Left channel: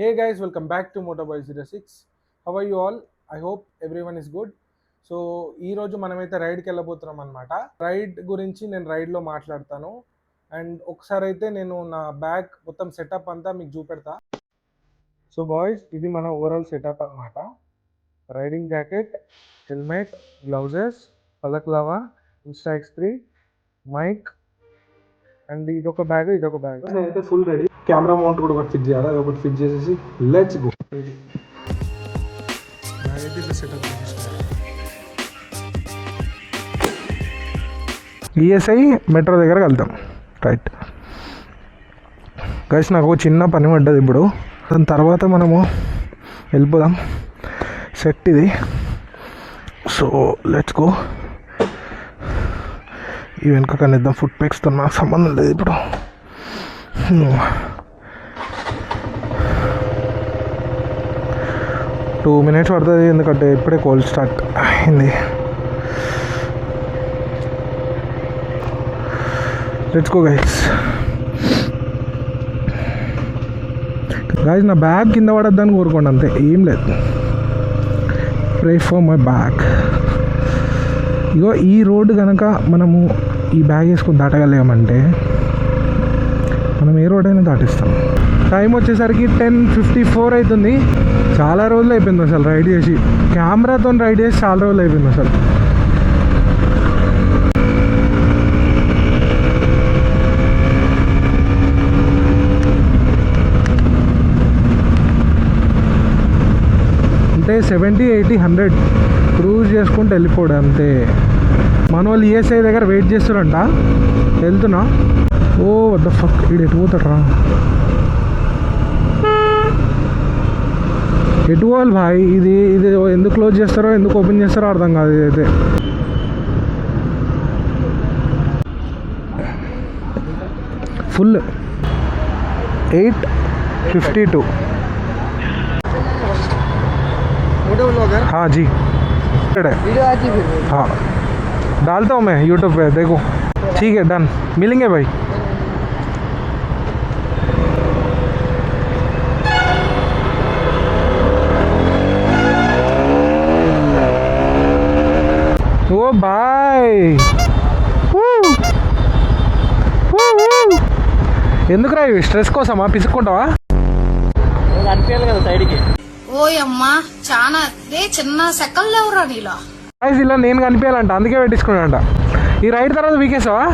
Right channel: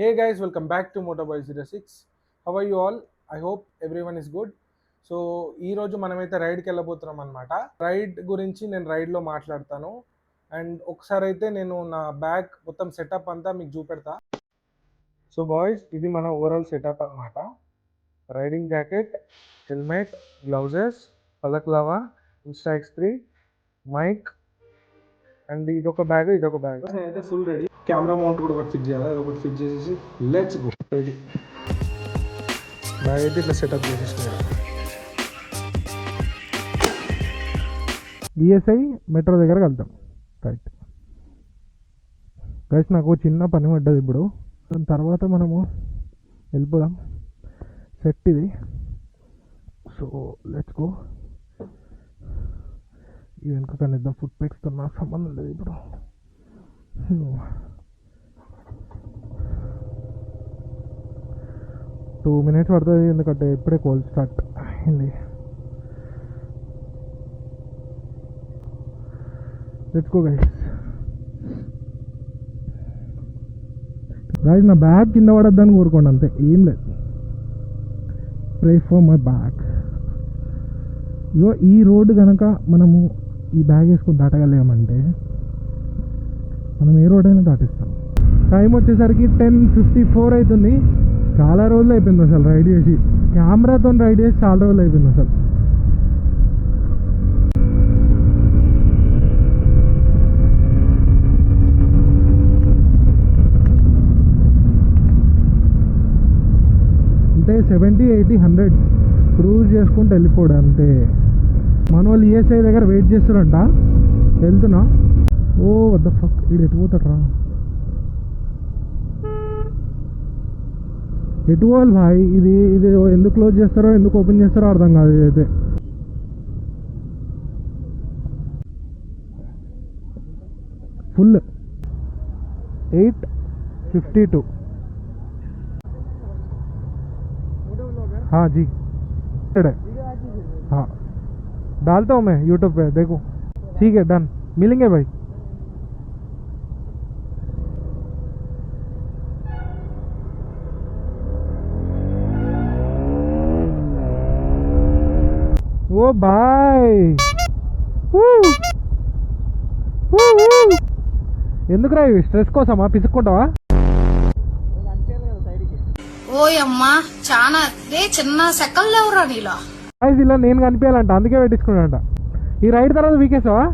Hey guys, welcome back to Motoboy06. How are you all? I hope everyone is good. So ఈరోజు మనమైతే రైడ్కి వెళ్ళబోతున్నాం అనమాట. Ride గురించి నేను రైడ్లో మాట్లాడతాను. అండ్ ఒకసారి అయితే నేను నా బ్యాగ్ మొత్తం సెటప్ అంతా మీకు చూపెడతా. సో బాయ్స్, ఇది మన ఓవరాల్ సెటప్ అనమాట. Riding jacket, helmet, gloves, balaclava, Insta X3, mic, and ఇదొక బ్యాగ్ నేనైతే ఫుల్ రెడీ. కెమెరా మౌంట్ కూడా ఒకటి ఫిట్ చేయాలి, అది ఒకటి ఫిట్ చేసేసి లెట్స్ గో. రెడీ బ్యాగ్ అయితే ఇట్లా సెటప్ చేసేసుకున్నాను. ఈఎస్ఐ మెట్రో దగ్గర వెళ్తాం. రైట్ గైస్, నాకు చిన్న పని పడ్డది ఇప్పుడు. దాని తర్వాత మనము వెళ్ళిపోదాం. సెట్ ఇది. So let's go. ఈ వెనుక కనిద్దాం. ఫుడ్ ప్యాక్స్తో నాకు సంబంధం లేదు ఇప్పుడు. 2 minutes పడుతుంది, ఎందుకంటే ఇప్పుడే కోల్డ్ స్టార్ట్ అయింది. Let's go guys. నా బ్యాగ్ కింద పడద్దని కోరుకోండి, అంతే, ఏం లేదు. Pray for my bag. ఇగో ఈ రోడ్డు కనుక మనము ఈ బ్యాగ్ వేసుకొని దాటగలిగామంటే మనం ఏ రోడ్ అయినా దాటిస్తాం. టైం వచ్చేసరికి 10:54 అవుతుంది. చాలా రోజులు అయిపోయింది అసలు రైడ్ చేసి. కెమెరాతో రైడ్ చేసి చాలా రోజులు అయిపోయింది అసలు. అంటే 70, 80, 100 క్రూజ్ చేసుకుంటూ వెళ్ళిపోడు అంతే. మన వాళ్ళు ఈఎస్ఐ దగ్గర వెయిట్ చేస్తారంట. వెళ్తున్నా. ఓ వద్ద ఫక్, ఇది ఎటు పోతాడరా? ఎటు పోవాలి భాయ్? ఇది ఎందుకు క్లోజ్ చేస్తారో ఎందుకు ఓపెన్ చేస్తారో అర్థం కాదు. ఇదైతే ఫుల్ 8:52. हाँ जी, हाँ डालता हूँ मैं यूट्यूब पे, देखो. ठीक है, डन. मिलेंगे भाई. ఓ బాయ్, ఎందుకురా ఇవి? స్ట్రెస్ కోసమా? పిసుక్కుంటావా? ఓయమ్మా, చాలా చిన్న సెకండ్ లేవురా నీలో. ఇలా నేను కనిపించాలంట, అందుకే పెట్టించుకున్నాడంట. ఈ రైడ్ తర్వాత వీకేసావా?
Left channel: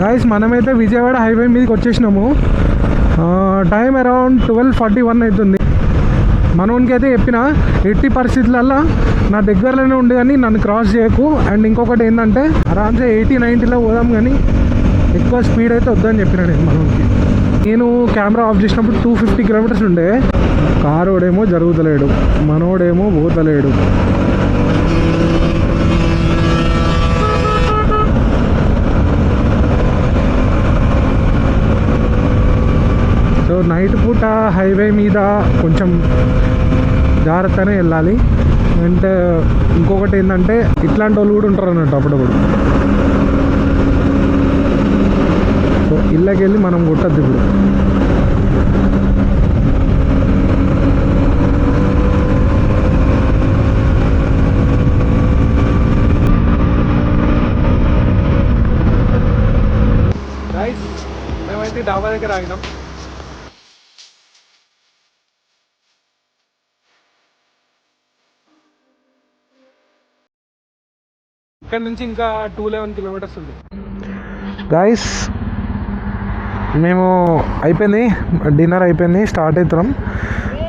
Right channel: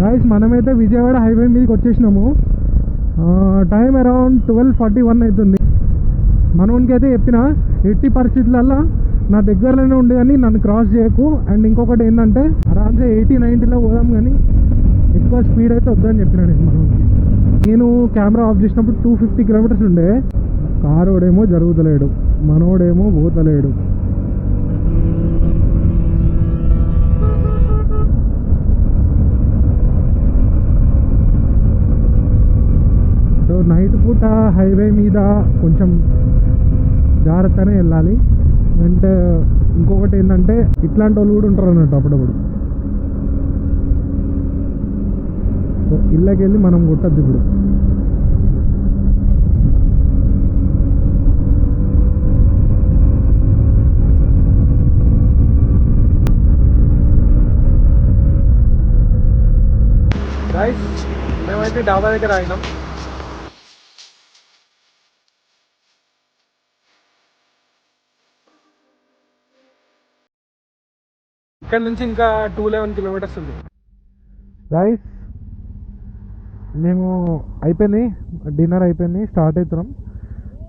గాయస్, మనమైతే విజయవాడ హైవే మీదకి వచ్చేసినాము. టైం అరౌండ్ 12:41 అవుతుంది. మనోనికి అయితే చెప్పిన ఎట్టి పరిస్థితులల్లో నా దగ్గరలోనే ఉండి కానీ నన్ను క్రాస్ చేయకు. అండ్ ఇంకొకటి ఏంటంటే ఆరామ్సే 80-90లో పోదాం, కానీ ఎక్కువ స్పీడ్ అయితే వద్దని చెప్పిన నేను మనోనికి. నేను కెమెరా ఆఫ్ చేసినప్పుడు 250 kilometers ఉండే. కారోడేమో జరుగుతలేడు, మనోడేమో పోతలేడు. సో నైట్ పూట హైవే మీద కొంచెం జాగ్రత్తగానే వెళ్ళాలి. అంటే ఇంకొకటి ఏంటంటే ఇట్లాంటి వాళ్ళు కూడా ఉంటారు అన్నట్టు అప్పుడప్పుడు. సో ఇళ్ళకి వెళ్ళి మనం కొట్టద్దు ఇప్పుడు. గైస్, మేమైతే డాబా దగ్గర ఆగినాం. ఇక్కడ నుంచి ఇంకా 211 kilometers ఉంది. గైస్, మేము అయిపోయింది, డిన్నర్ అయిపోయింది, స్టార్ట్ అవుతున్నాం.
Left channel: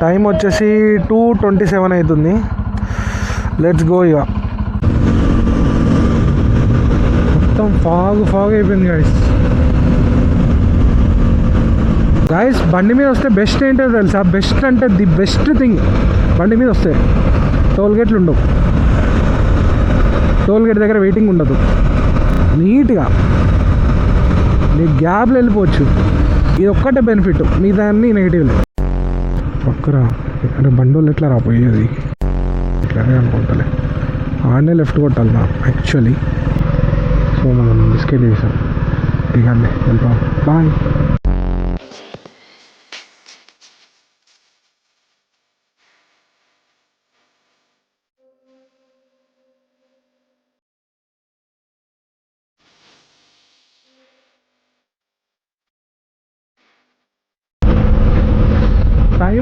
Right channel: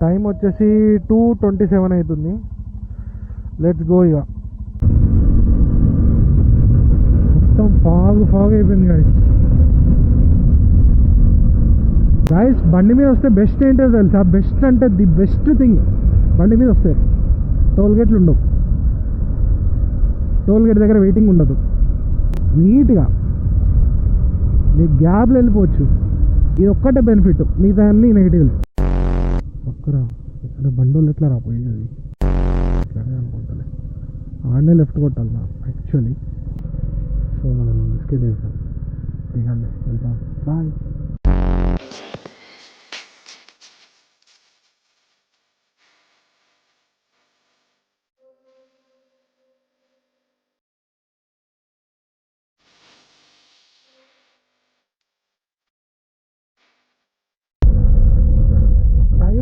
టైం వచ్చేసి 2:27 అవుతుంది. Let's go. ఇక మొత్తం ఫాగ్ అయిపోయింది గాయస్. బండి మీద వస్తే బెస్ట్ ఏంటో తెలుసా? బెస్ట్ అంటే ది బెస్ట్ థింగ్, బండి మీద వస్తే టోల్గేట్లు ఉండవు. టోల్గేట్ దగ్గర వెయిటింగ్ ఉండదు. నీట్గా నీ గ్యాప్లో వెళ్ళిపోవచ్చు. ఇది ఒక్కటే బెనిఫిట్, మిగతా అన్నీ నెగిటివ్లే. పక్కరా అంటే బండోళ్ళు ఎట్లా రాపోయేది? ఇట్లానే అనుకుంటలే. ఆడనే లెఫ్ట్ కొట్టాలి నా యాక్చువల్లీ. సో మనం బిస్కెట్ చేసాం. దిగండి, వెళ్తాం. బాయ్.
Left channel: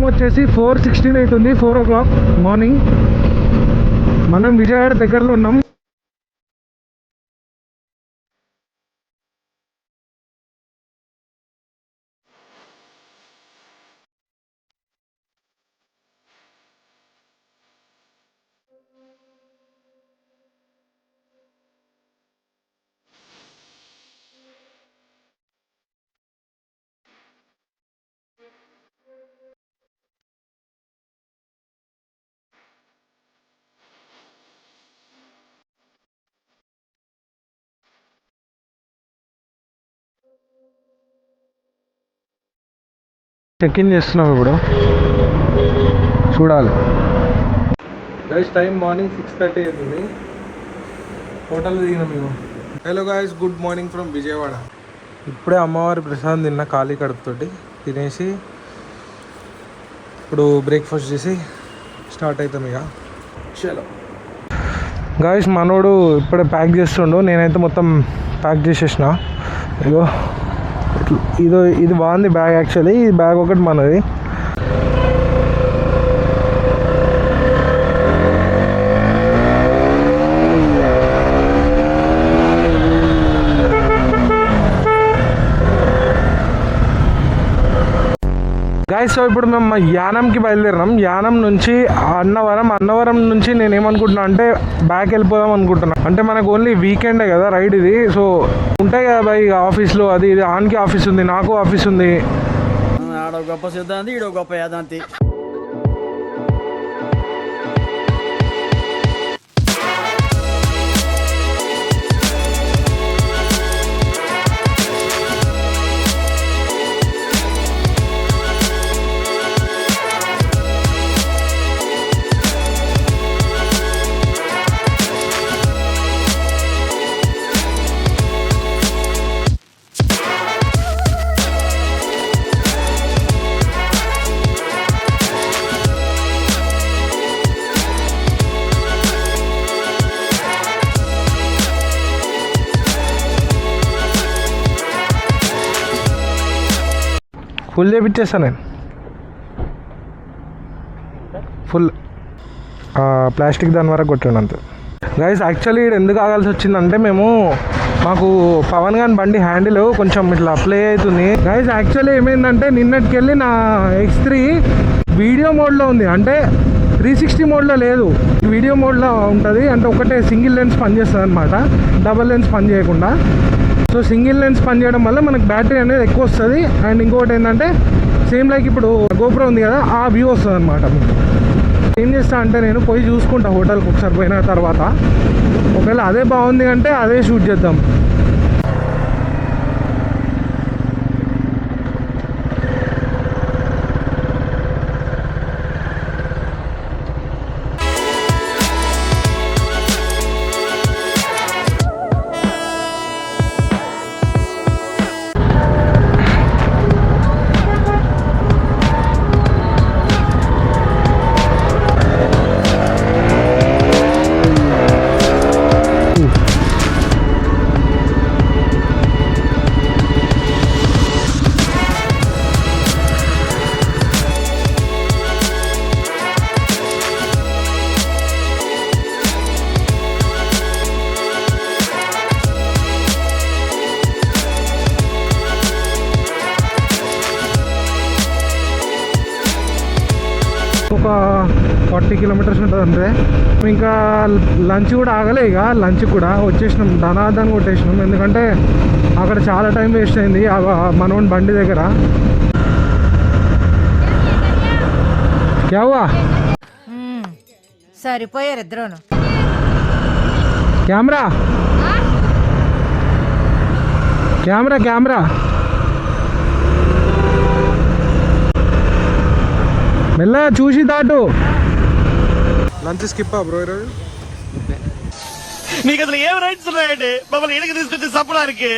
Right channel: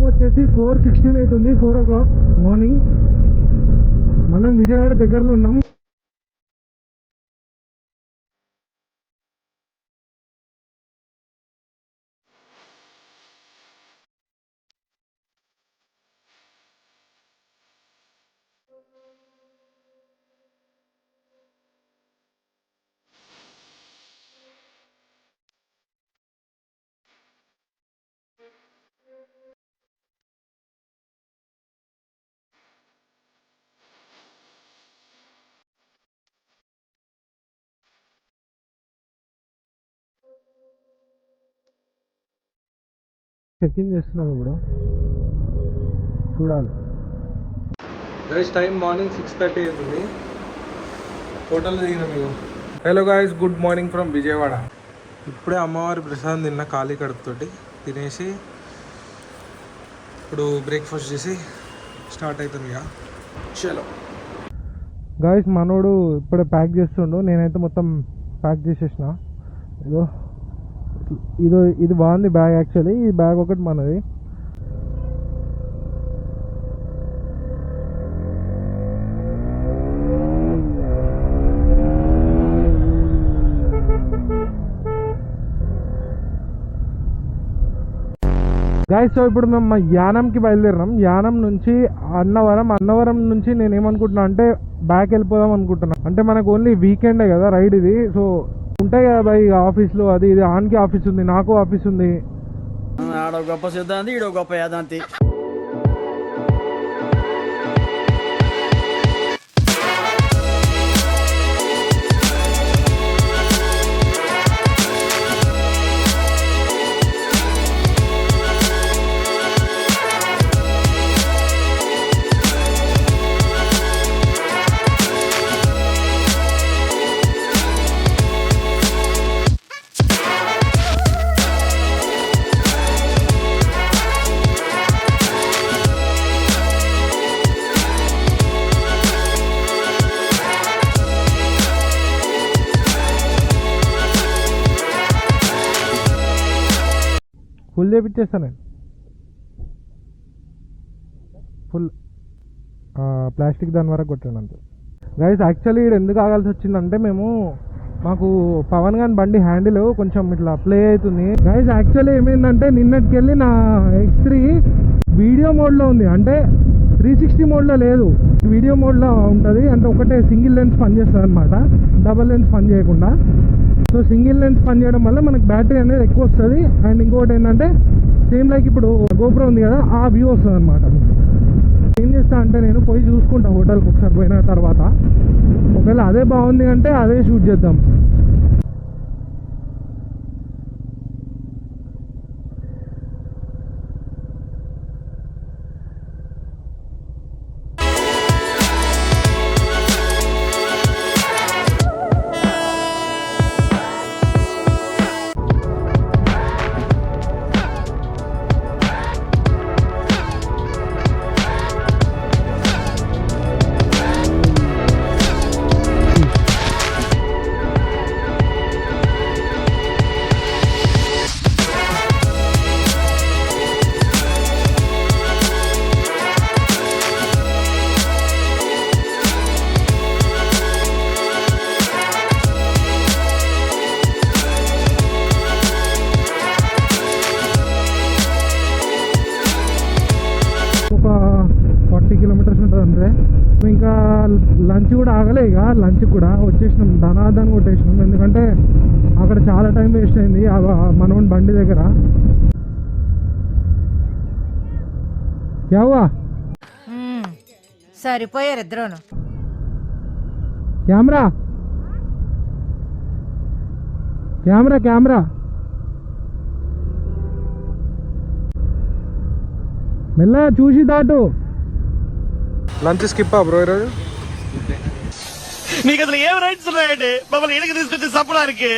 వచ్చేసి 4:16 అవుతుంది, 4 o'clock మార్నింగ్. మనం విజయవాడ దగ్గరలో ఉన్నాం. చెక్ ఇన్ చేస్తున్నాం ఇప్పుడు, చూడాలి. గైస్ టైం మార్నింగ్ 6:30 అవుతుంది. హోటల్ దిగినాం మేము. Hello guys, good morning from Vijayawada. ఇప్పుడే అమ్మవారి ప్రసాదం తిన్న ఖాళీ కడుపుతోటి తినేసి ఇప్పుడు బ్రేక్ఫాస్ట్ చేసి స్టార్ట్ అవుతాం ఇక. చలో గాయస్, మనోడు ఇప్పుడే ప్యాక్ చేస్తుండు, నేనైతే మొత్తం ప్యాక్ చేసేసిన. ఇగో ఇది బాగుంది బ్యాగ్. యాక్చువల్లీ ఈ బ్యాగ్ ఒకటి మనది. గాయస్, సో ఇప్పుడు మేము యానంకి బయలుదేరినాం. యానం నుంచి అన్నవరం నుంచి నేను ఏమనుకుంటున్నా అంటే బ్యాక్ వెళ్ళిపోదాం అనుకుంటున్నా. అంటే మనకు ఓన్లీ వీకెండే కదా రైడ్ ఇది. సో ఉంటాయి కదా బై ఆఫీస్లో, అది ఇది. ఆన్కి ఆఫీస్ ఉంది, నాకు ఆఫీస్ ఉంది. ఆడ గొప్ప సిద్ధాంతి, ఈడో గొప్ప యాదాంతి. ఫుల్ చేపించేస్తాను నేను, ఫుల్ ప్లాస్టిక్ దాని వరకు కొట్టాను అంతే. గైస్, యాక్చువల్లీ ఇక్కడ ఎందుకు ఆగాల్సి వచ్చిందంటే మాకు పవన్ గాన్ బండి హ్యాండిల్ కొంచెం ఇట్లా ప్లే అవుతుంది. గైస్, యాక్చువల్లీ ఏమైందంటే నిన్నటికెళ్ళి నా X3 వీడియో మోడ్లో ఉంది, అంటే 360 మోడ్లో లేదు, వీడియో మోడ్లో ఉంటుంది. అంటే ఒకటే సింగిల్ లెన్స్ పనిచేస్తుంది అనమాట, డబల్ లెన్స్ పని చేయకుండా. సో సింగిల్ లెన్స్ పని చేయడం వల్ల మనకు బ్యాటరీ అనేది ఎక్కువ వస్తుంది. అండ్ ఇంకొకటి ఏంటంటే సేమ్ లైక్ ఇప్పుడు గోప్రో ఉంది కదా, ఆ వ్యూ వస్తుంది అనమాట. ఏం చేస్తా అంటే నేను పోయి చూసుకుంటా హోటల్కి ఒకసారి పోయిన తర్వాత. ఒకవేళ అదే బాగుంది అంటే అదే షూట్ చేద్దాం. ఒక 40 kilometers ఉంటుంది అంతే. ఇంకా లంచ్ కూడా ఆగలే, ఇక లంచ్ కూడా వచ్చేసినాం, ధనాధన్ కొట్టేసినాం. ఎందుకంటే అక్కడ చాలా టైం వేస్ట్ అయింది మనోని బండి దగ్గర. క్యావా సరిపోయారు ఇద్దరును. కెమెరా కెమెరా కెమెరా మెల్లగా చూసి దాటు. లంచ్ స్కిప్ బ్రో ఈరోజు. మీకు అసలు ఏం రైట్స్ ఉన్నాయండి మమ్మల్ని ఇళ్ళకి తీసుకొచ్చి చంపడానికి?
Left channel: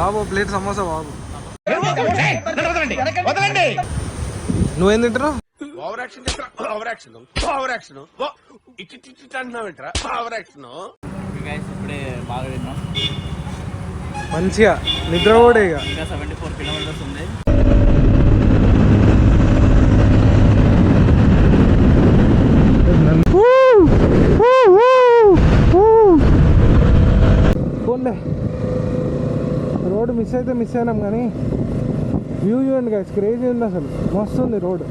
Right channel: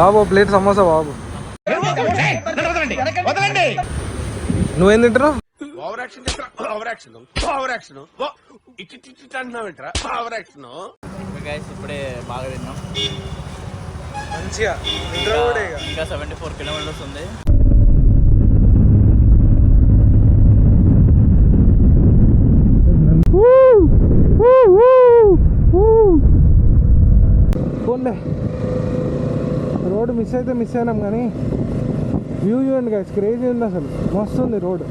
బాబు ప్లేట్ సమోసా బాబు. నువ్వేం తింటున్నావు? ఇప్పుడే బాగా తిన్నాం, మంచిగా నిద్ర కూడా. ఇక ఇంకా 74 kilometers ఉంది. అయితే మిస్ అయినాం కానీ వ్యూ చూడండి గైస్, క్రేజీ ఉంది అసలు, మస్తు ఉంది రోడ్.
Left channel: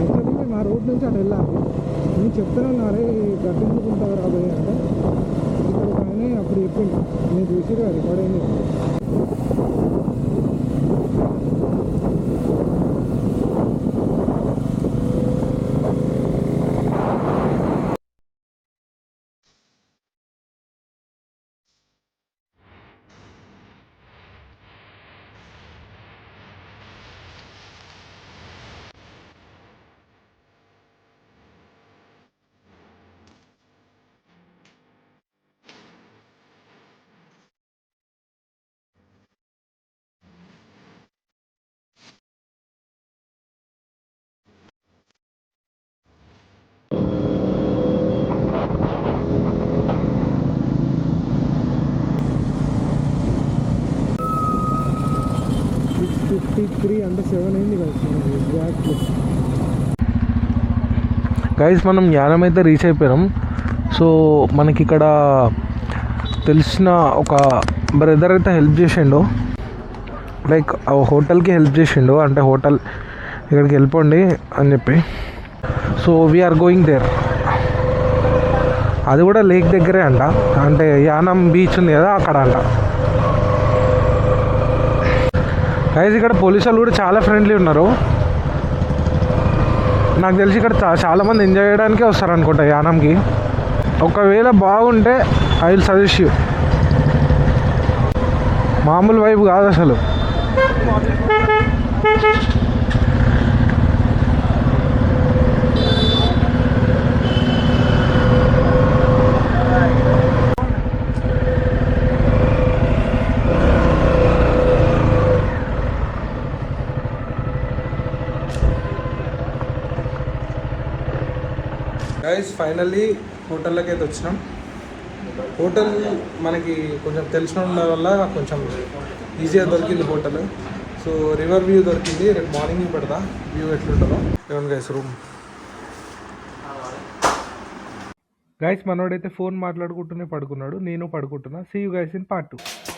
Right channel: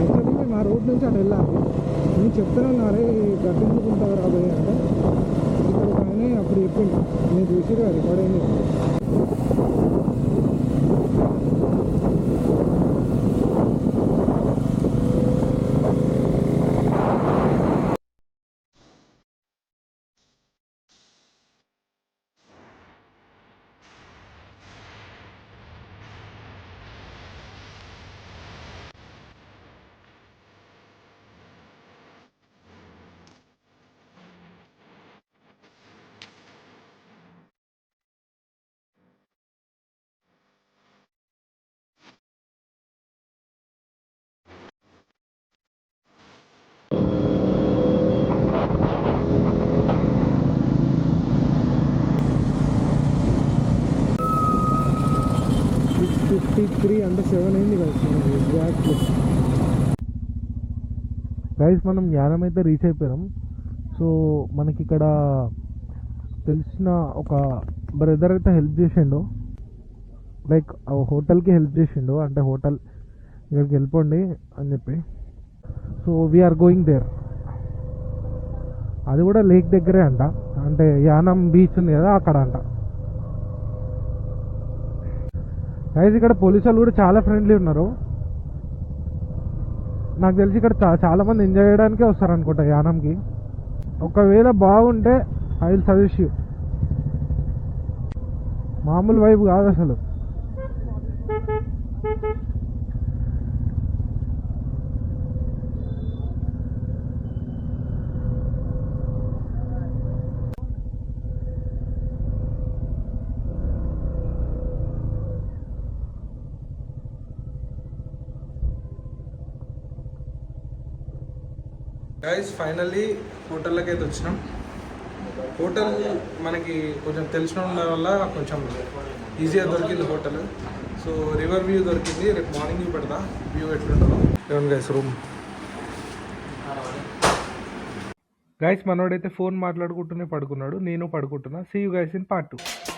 యాక్చువల్లీ మేము ఆ రోడ్ నుంచి అటు వెళ్ళాము. నేను చెప్తున్నాను అరే గట్టించుకుంటారు రాబోయే అంటే ఇక్కడ ఒక ఆయన అప్పుడు చెప్పింది, నేను చూసి రికార్డ్ అయింది. అంటే 7 అయింది ఎగ్జాక్ట్లీ. గైస్ మనం యానం అయితే రీచ్ అయిపోయాం. సో మనకి ఇక్కడ తెలిసిన ఒక బ్రదర్ అయితే హెల్ప్ చేసిండు, లైక్ హోటల్కి హెల్ప్ చేసిండు, అంటే హోటల్ ఇక్కడికి వెళ్ళిపోండి అని చెప్పి. So we are going there. అది కూడా లేక్ దగ్గరే అంట, అంటే యానం బీచ్ ఉంది కదా అక్కడ అంట. గైస్ ఇక్కడ పోలీసు వాళ్ళు కూడా చాలా ఫ్రెండ్లీ ఉన్నారు. నాకు తెలిసి ఇక్కడ చాలామంది ఎంజాయ్ చేయడానికే వస్తారు అనుకుంటా యానంకి. ఒకవేళ బాగుంటే ఐ విల్ సజెస్ట్ యూ. మామూలు వైపు కాదు అసలు. గైస్ ఫైనల్లీ హోటల్లోకి అయితే వచ్చినాం. హోటల్ మనకి కొంచెం తెలిసిన ఉండడం వల్ల కొంచెం ఈజీగా దొరికింది హోటల్. సో రివర్ వ్యూ దొరికింది. రేపు మార్నింగ్ పెడతా వ్యూ ఎట్లుంటుందో. ఏమన్నా గైస్ రూమ్. గైస్ మనోడైతే ఫోన్ మాట్లాడుకుంటూనే పడుకున్నాడు, నేను పడుకుంటున్నా. See you guys in part 2.